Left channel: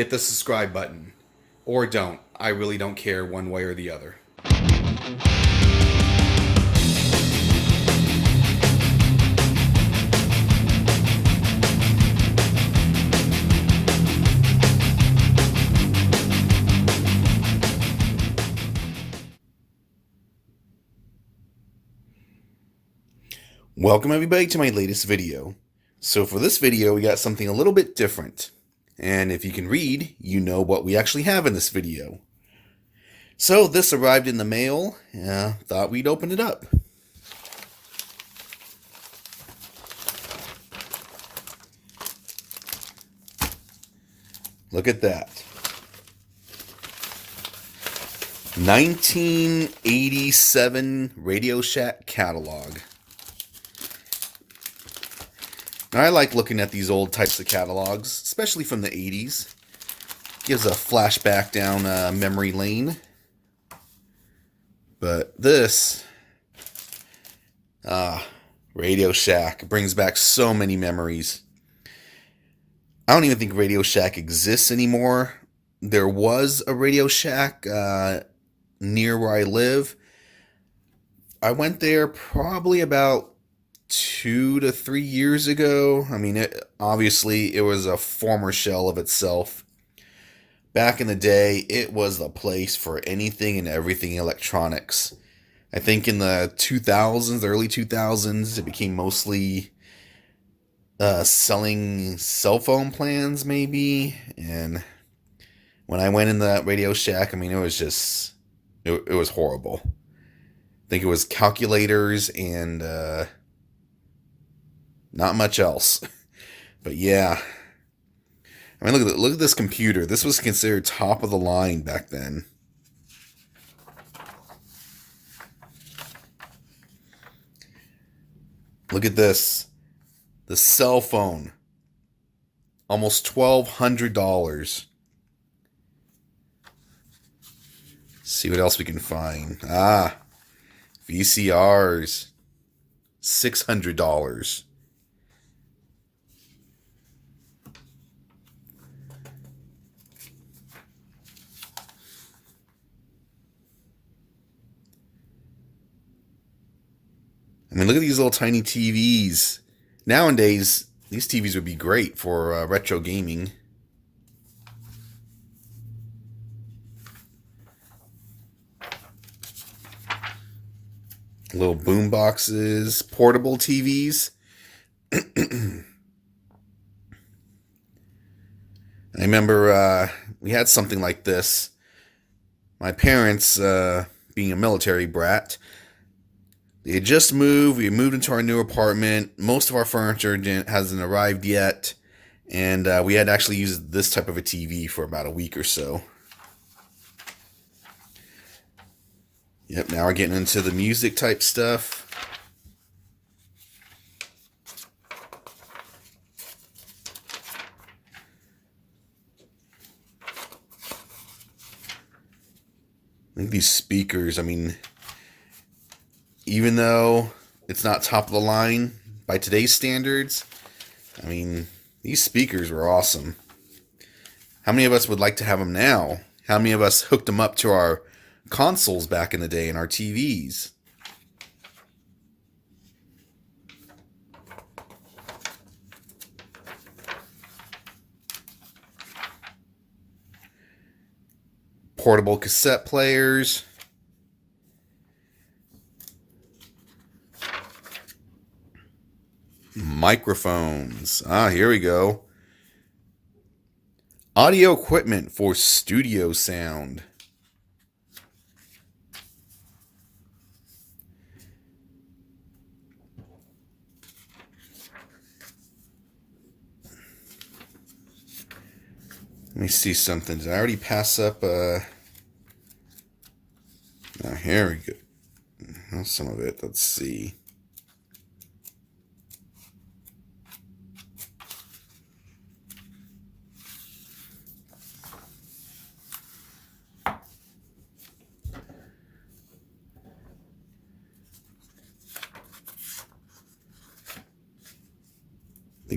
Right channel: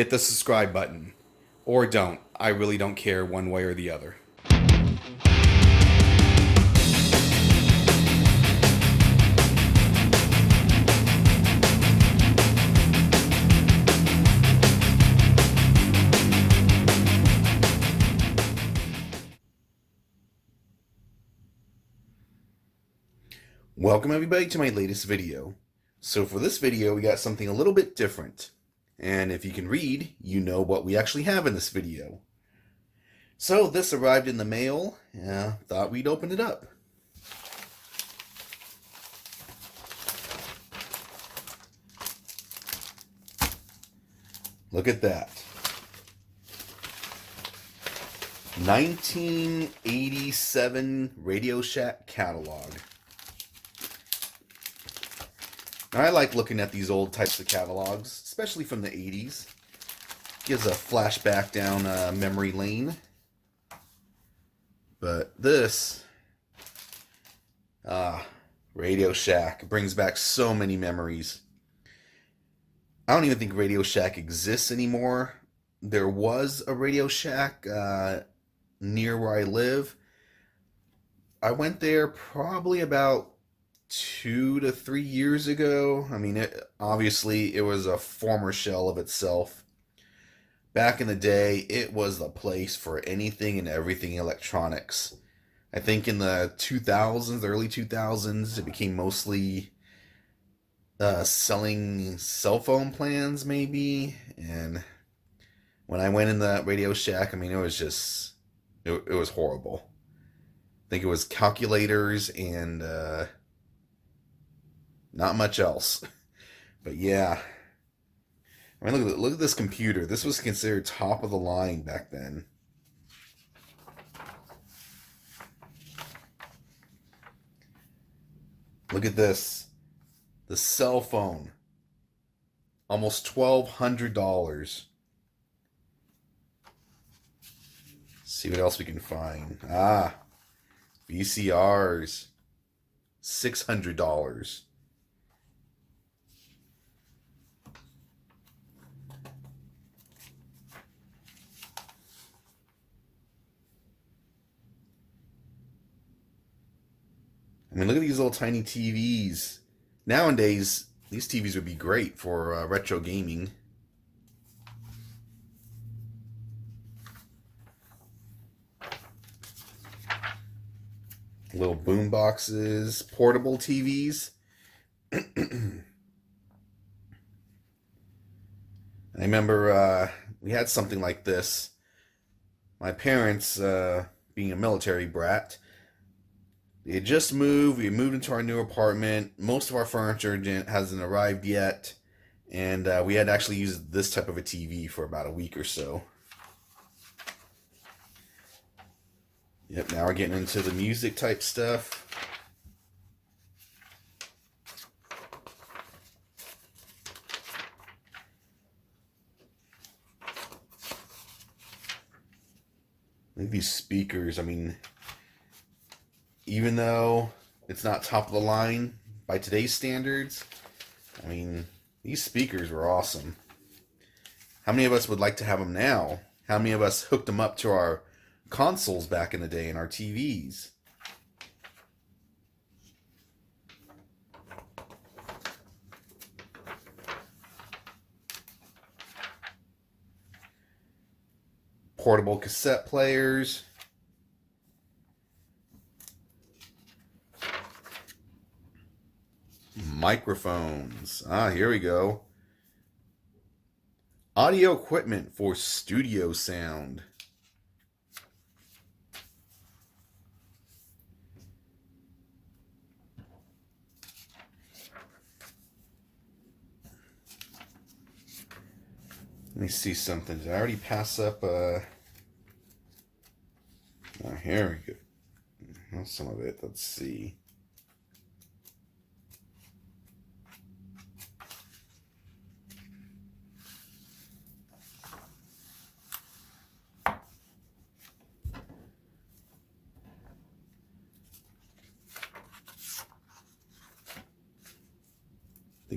hit the subscribe button. Or don't. I really don't care one way or the other. Welcome everybody to my latest video. So for this video, we got something a little bit different. And if you can read, you know what we actually have in this video. So this arrived in the mail. Thought we'd open it up. Look at that. 1987 Radio Shack catalog. Now, I like looking at these old types of catalogs, especially from the 80s. Gives a flashback down memory lane. But this, Radio Shack, brings back so many memories. I don't even think Radio Shack exists anymore. There was a Radio Shack near where I live. I went there probably about 2 to 3 years ago. I mean, obviously it was a former shell of itself. Back in the day, it was the place for anything and everything electronics. I think in the 2000s, the early 2000s, it became mostly selling cell phone plans, maybe. And when I went in that Radio Shack, I mean, it was just, it was horrible. I think it was calculators and not much else. But yeah. I mean, look at this computer. This was considered top of the line back then. Look at this. The cell phone. Almost $1,200. See what else we can find. Vcrs. $600. I mean, look at these little tiny TVs. Nowadays, these TVs would be great for retro gaming. Little boom boxes, portable TVs. I remember we had something like this. My parents, being a military brat, they had just moved. We had moved into our new apartment. Most of our furniture hasn't arrived yet. And we had actually used this type of a TV for about a week or so. Yep, now we're getting into the music type stuff. Look at these speakers. I mean, even though it's not top of the line by today's standards, I mean, these speakers were awesome. How many of us would like to have them now? How many of us hooked them up to our consoles back in the day and our TVs? Portable cassette players. Microphones. Here we go. Audio equipment for studio sound. Let me see something. Did I already pass up? Here we go. Some of it. Let's see.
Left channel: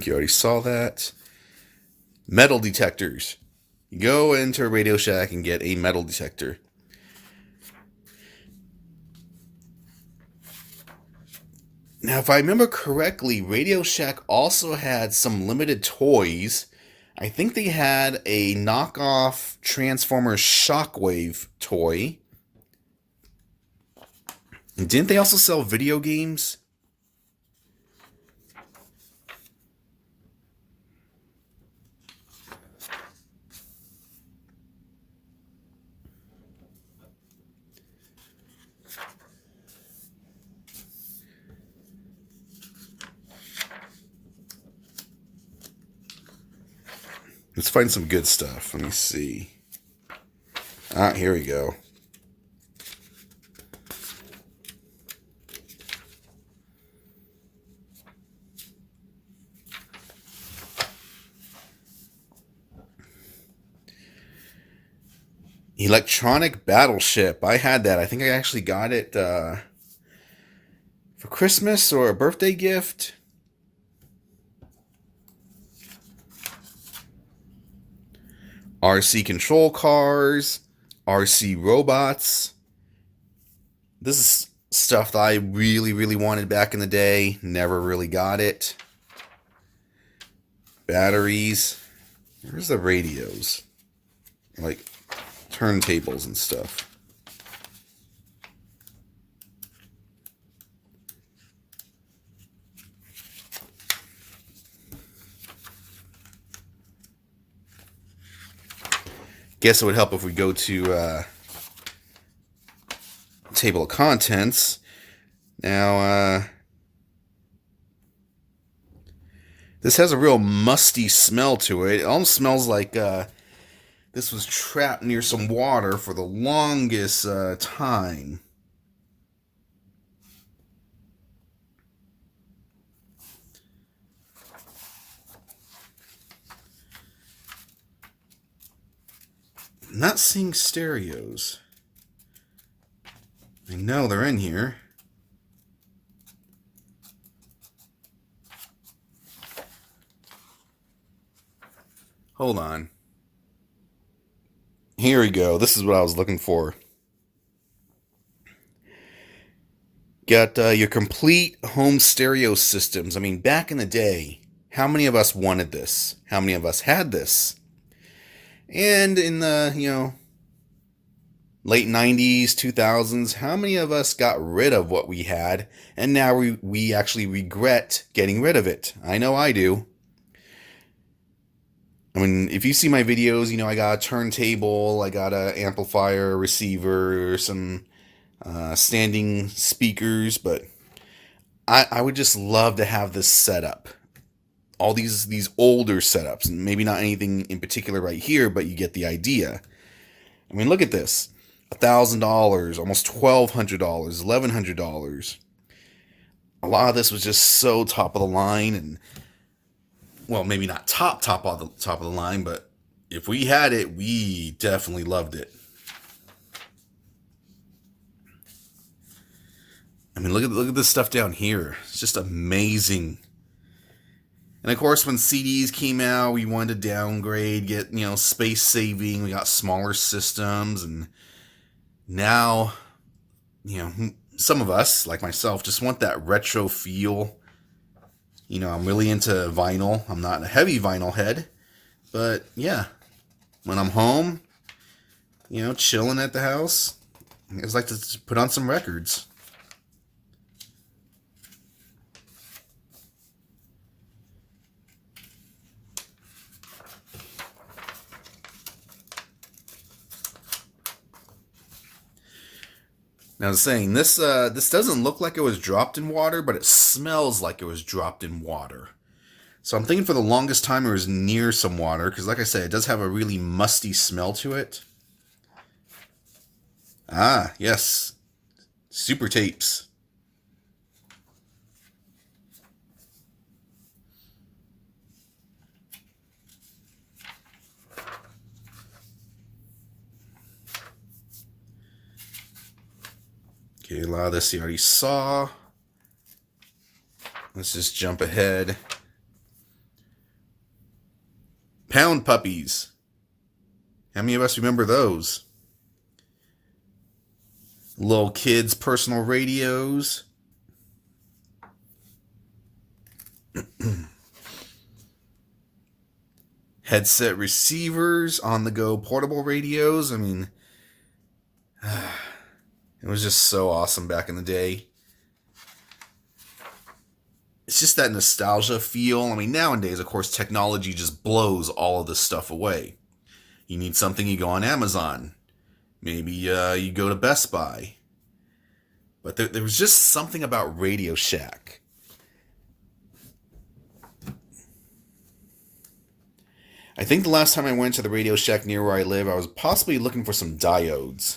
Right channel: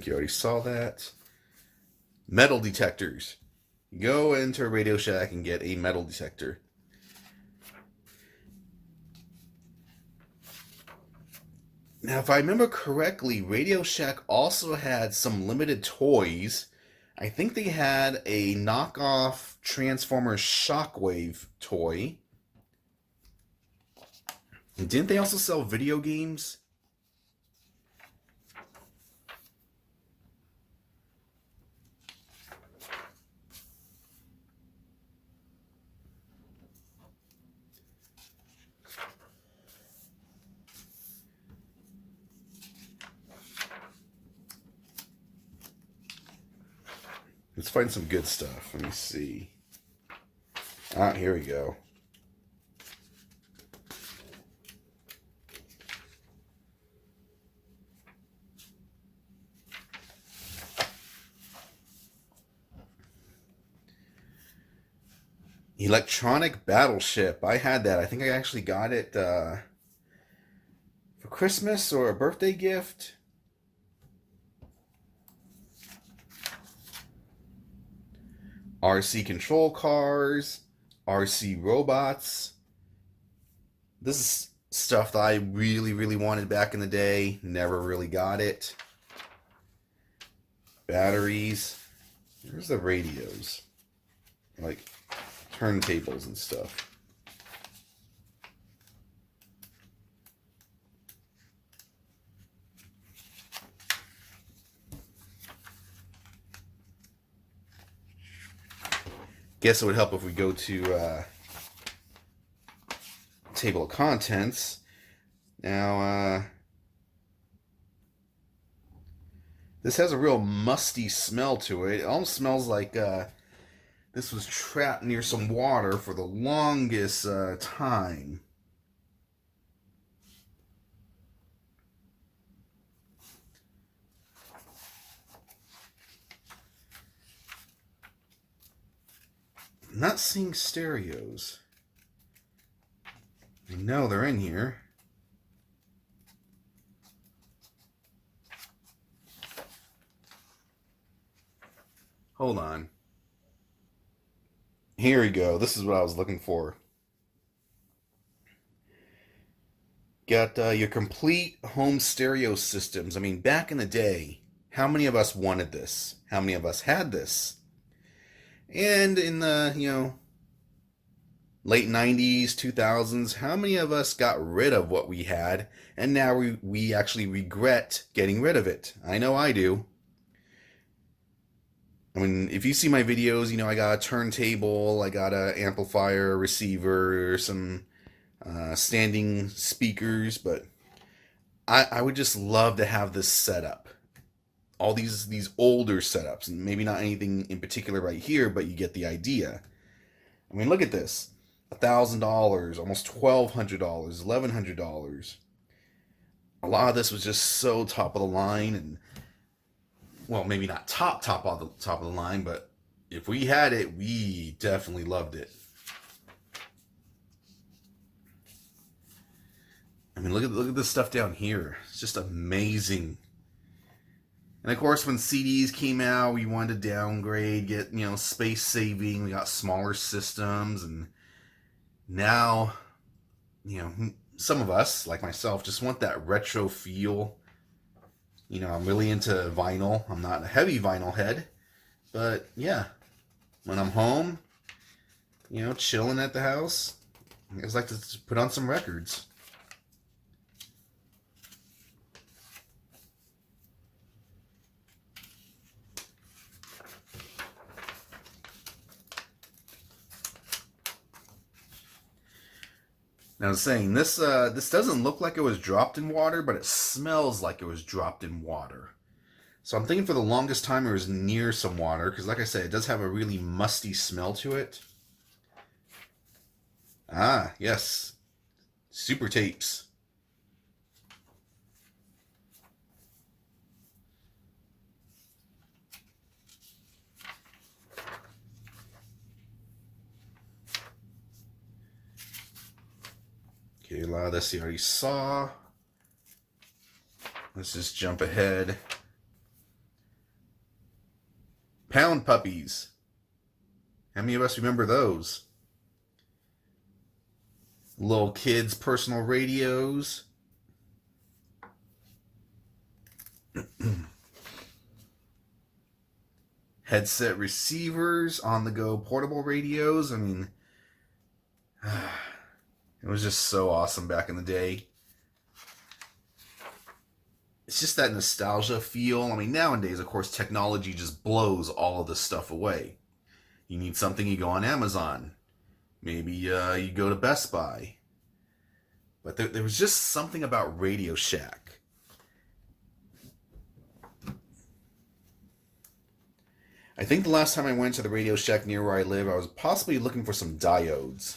think you already saw that. Metal detectors. You go into a Radio Shack and get a metal detector. Now, if I remember correctly, Radio Shack also had some limited toys. I think they had a knockoff Transformers Shockwave toy. And didn't they also sell video games? Let's find some good stuff. Let me see. Ah, here we go. Electronic Battleship. I had that. I think I actually got it for Christmas or a birthday gift. RC control cars, RC robots. This is stuff that I really, really wanted back in the day. Never really got it. Batteries. Where's the radios? Like turntables and stuff. Guess it would help if we go to table of contents. Now, this has a real musty smell to it. It almost smells like this was trapped near some water for the longest time. I'm not seeing stereos. I know they're in here. Hold on. Here we go. This is what I was looking for. Got your complete home stereo systems. I mean, back in the day, how many of us wanted this? How many of us had this? And in the, late 90s, 2000s, how many of us got rid of what we had, and now we actually regret getting rid of it? I know I do. I mean, if you see my videos, I got a turntable, I got an amplifier, a receiver, some standing speakers, but I would just love to have this setup. All these older setups, and maybe not anything in particular right here, but you get the idea. I mean, look at this. $1,000, almost $1,200, $1,100. A lot of this was just so top of the line, and well, maybe not top of the line, but if we had it, we definitely loved it. I mean, look at this stuff down here. It's just amazing. And of course, when CDs came out, we wanted to downgrade, get, space saving. We got smaller systems. And now, some of us, like myself, just want that retro feel. I'm really into vinyl. I'm not a heavy vinyl head. But yeah, when I'm home, chilling at the house, I just like to put on some records. Now, I was saying, this doesn't look like it was dropped in water, but it smells like it was dropped in water. So I'm thinking for the longest time it was near some water, because like I said, it does have a really musty smell to it. Ah, yes. Super tapes. Okay, a lot of this you already saw. Let's just jump ahead. Pound puppies. How many of us remember those? Little kids' personal radios. Headset receivers, on-the-go portable radios. I mean, it was just so awesome back in the day. It's just that nostalgia feel. I mean, nowadays, of course, technology just blows all of this stuff away. You need something, you go on Amazon. Maybe you go to Best Buy. But there was just something about Radio Shack. I think the last time I went to the Radio Shack near where I live, I was possibly looking for some diodes.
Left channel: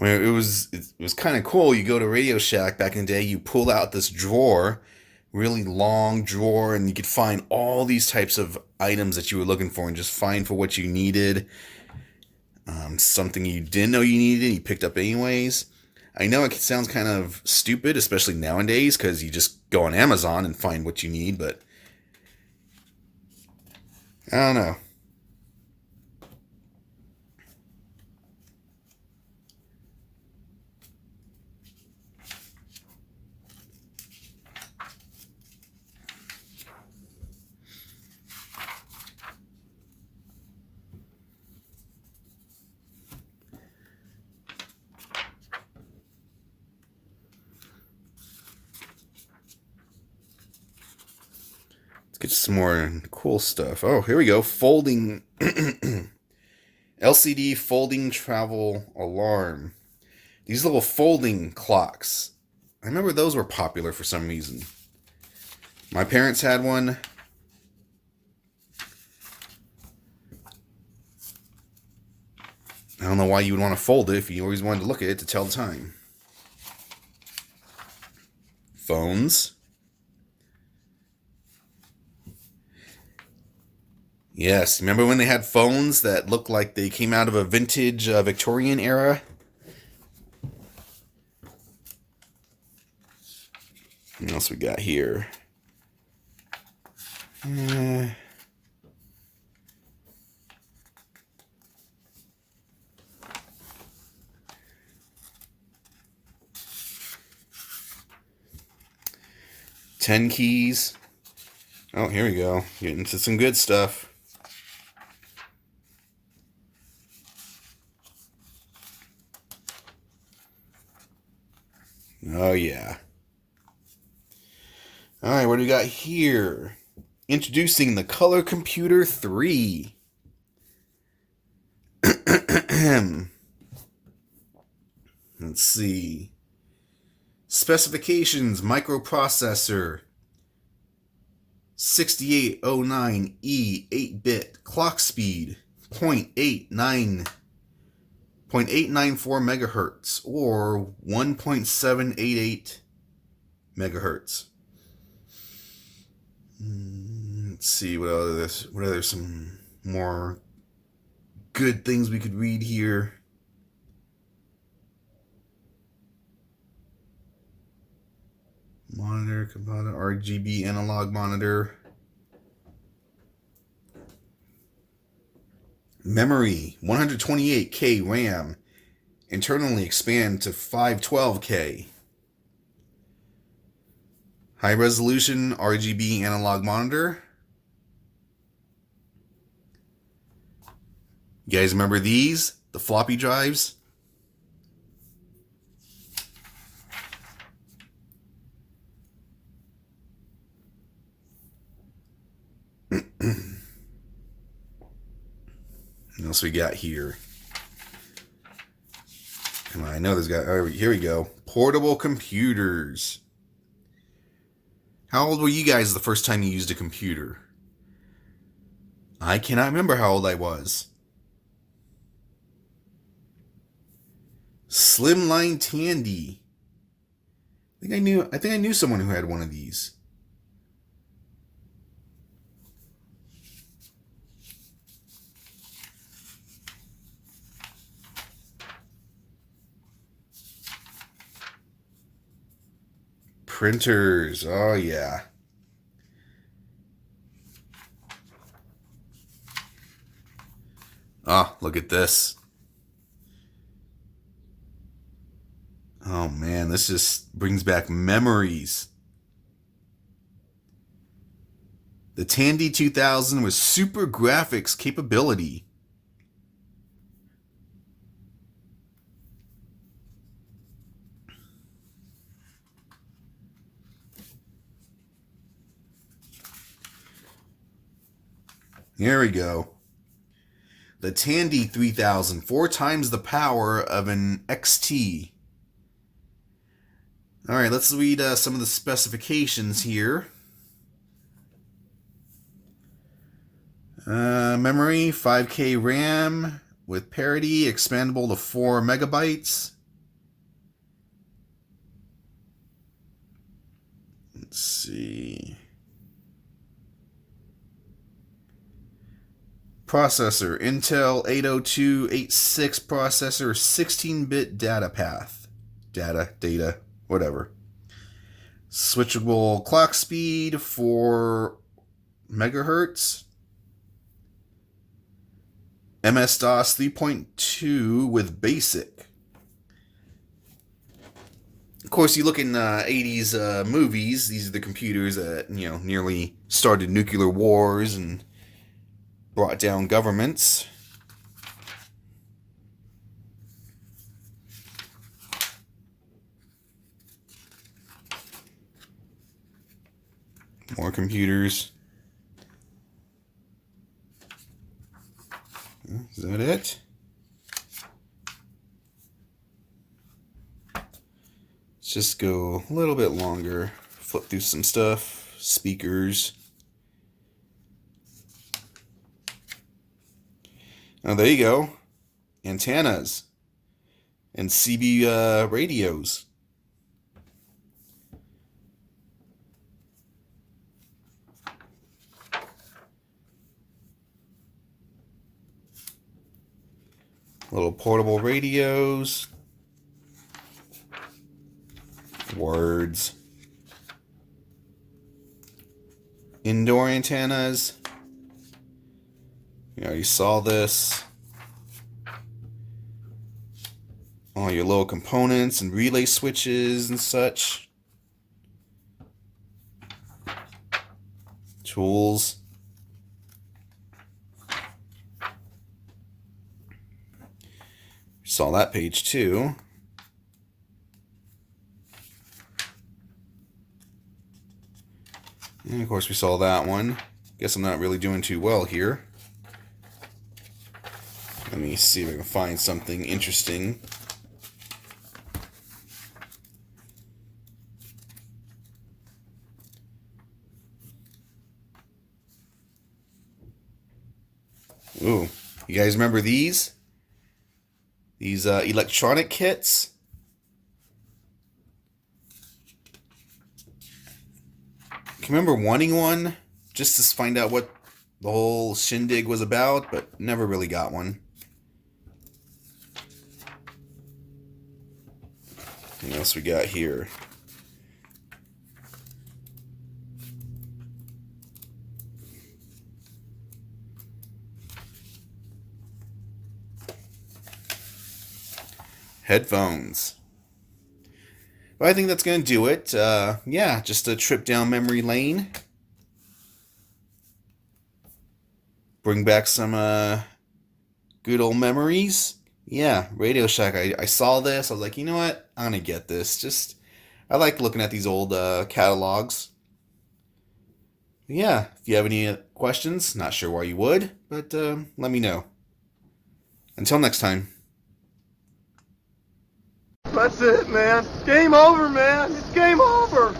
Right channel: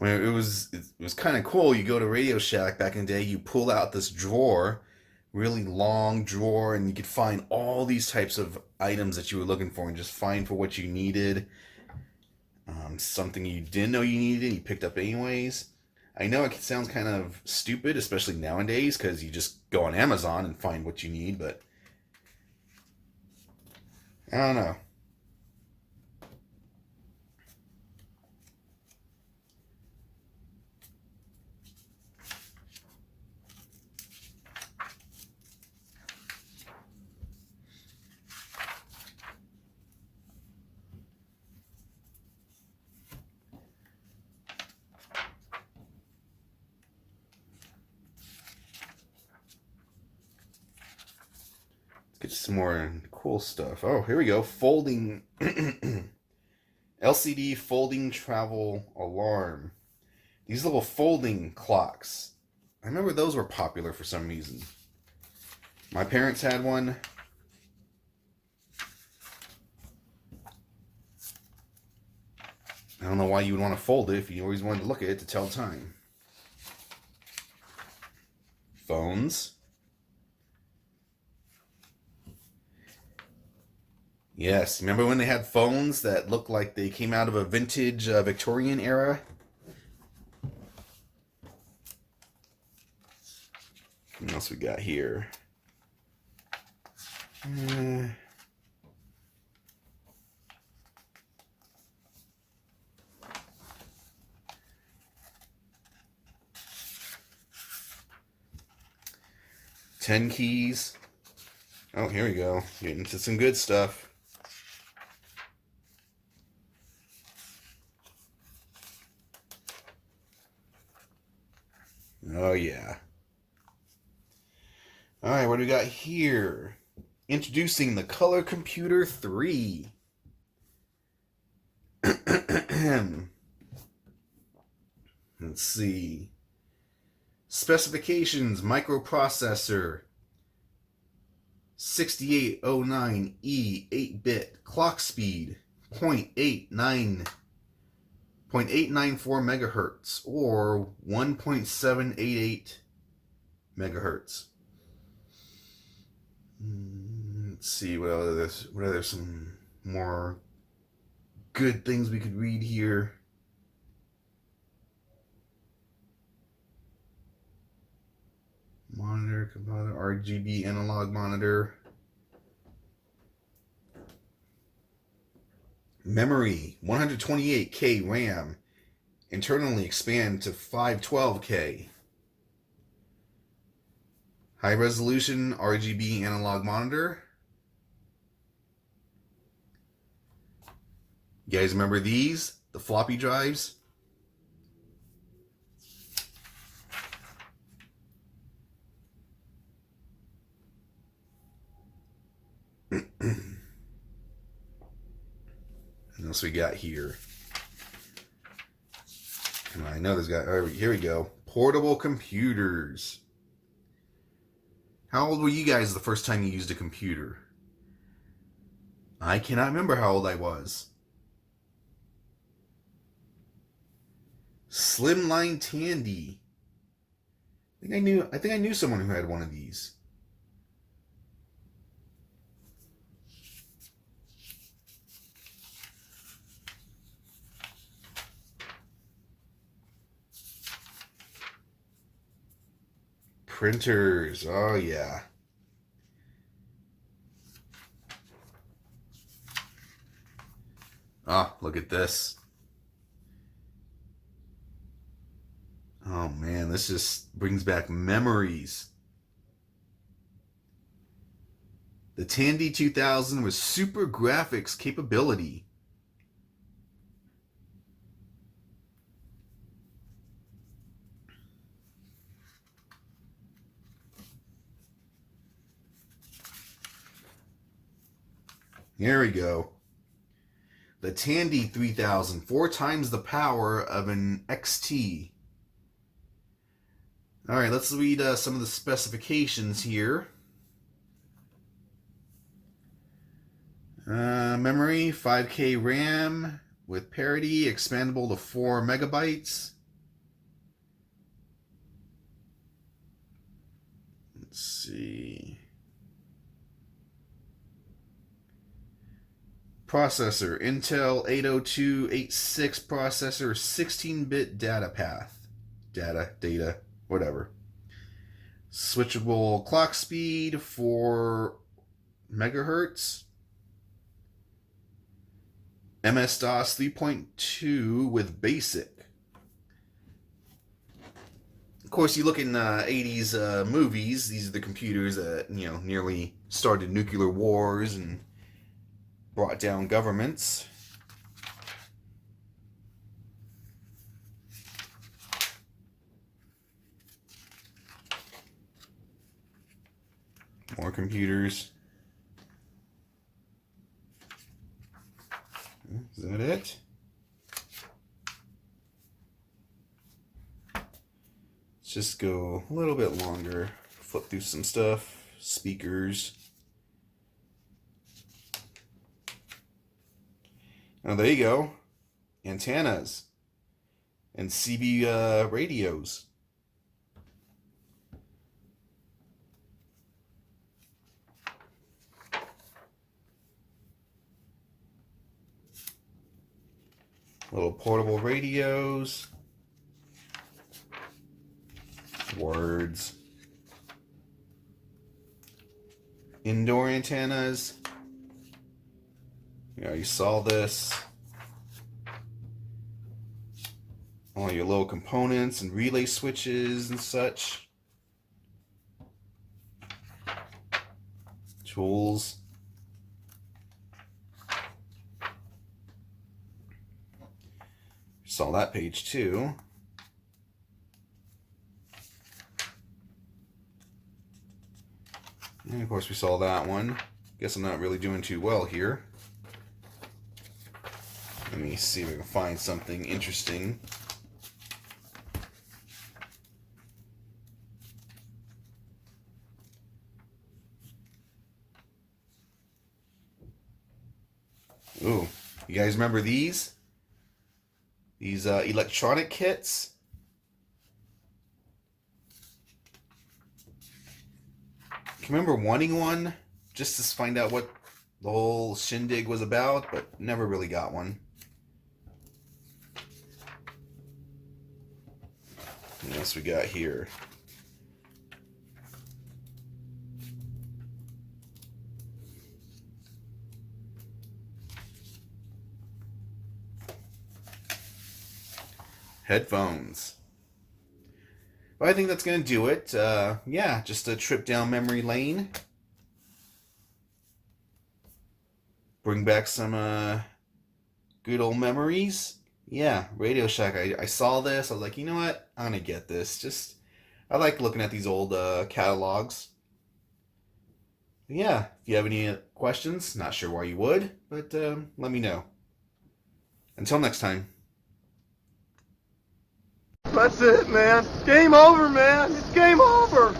I mean, it was kind of cool. You go to Radio Shack back in the day, you pull out this drawer, really long drawer, and you could find all these types of items that you were looking for and just find for what you needed. Something you didn't know you needed, you picked up anyways. I know it sounds kind of stupid, especially nowadays, because you just go on Amazon and find what you need, but I don't know. Get some more cool stuff. Oh, here we go. Folding LCD folding travel alarm. These little folding clocks. I remember those were popular for some reason. My parents had one. I don't know why you would want to fold it if you always wanted to look at it to tell time. Phones. Yes, remember when they had phones that looked like they came out of a vintage Victorian era? What else we got here? 10 keys. Oh, here we go. Getting into some good stuff. Oh, yeah. All right, what do we got here? Introducing the Color Computer 3. Let's see. Specifications: microprocessor, 6809E 8-bit, clock speed 0.894 megahertz or 1.788 megahertz. Let's see what other some more good things we could read here. Monitor, component, RGB analog monitor. Memory, 128K RAM. Internally expand to 512K. High resolution RGB analog monitor. You guys remember these? The floppy drives? What else we got here? Come on, I know there's got. Oh, here we go. Portable computers. How old were you guys the first time you used a computer? I cannot remember how old I was. Slimline Tandy. I think I knew someone who had one of these. printers. Oh, yeah. Oh, look at this. Oh, man, this just brings back memories. The Tandy 2000 with super graphics capability. Here we go. The Tandy 3000, 4 times the power of an XT. All right, let's read some of the specifications here. Memory, 5K RAM with parity, expandable to 4 megabytes. Let's see. Processor, Intel 80286 processor, 16-bit data path. Data, whatever. Switchable clock speed, 4 megahertz. MS-DOS 3.2 with BASIC. Of course, you look in 80s movies, these are the computers that, nearly started nuclear wars and brought down governments. More computers. Is that it? Let's just go a little bit longer. Flip through some stuff. Speakers. Oh, there you go. Antennas. And CB radios. Little portable radios. Words. Indoor antennas. You saw this. All your little components and relay switches and such. Tools. Saw that page too. And of course we saw that one. Guess I'm not really doing too well here. Let me see if I can find something interesting. Ooh, you guys remember these? These electronic kits. Can you remember wanting one just to find out what the whole shindig was about, but never really got one. What else we got here? Headphones. But I think that's going to do it. Yeah, just a trip down memory lane. Bring back some good old memories. Yeah, Radio Shack. I saw this. I was like, you know what? I'm going to get this. I like looking at these old catalogs. Yeah, if you have any questions, not sure why you would, but let me know. Until next time. That's it, man. Game over, man. It's game over.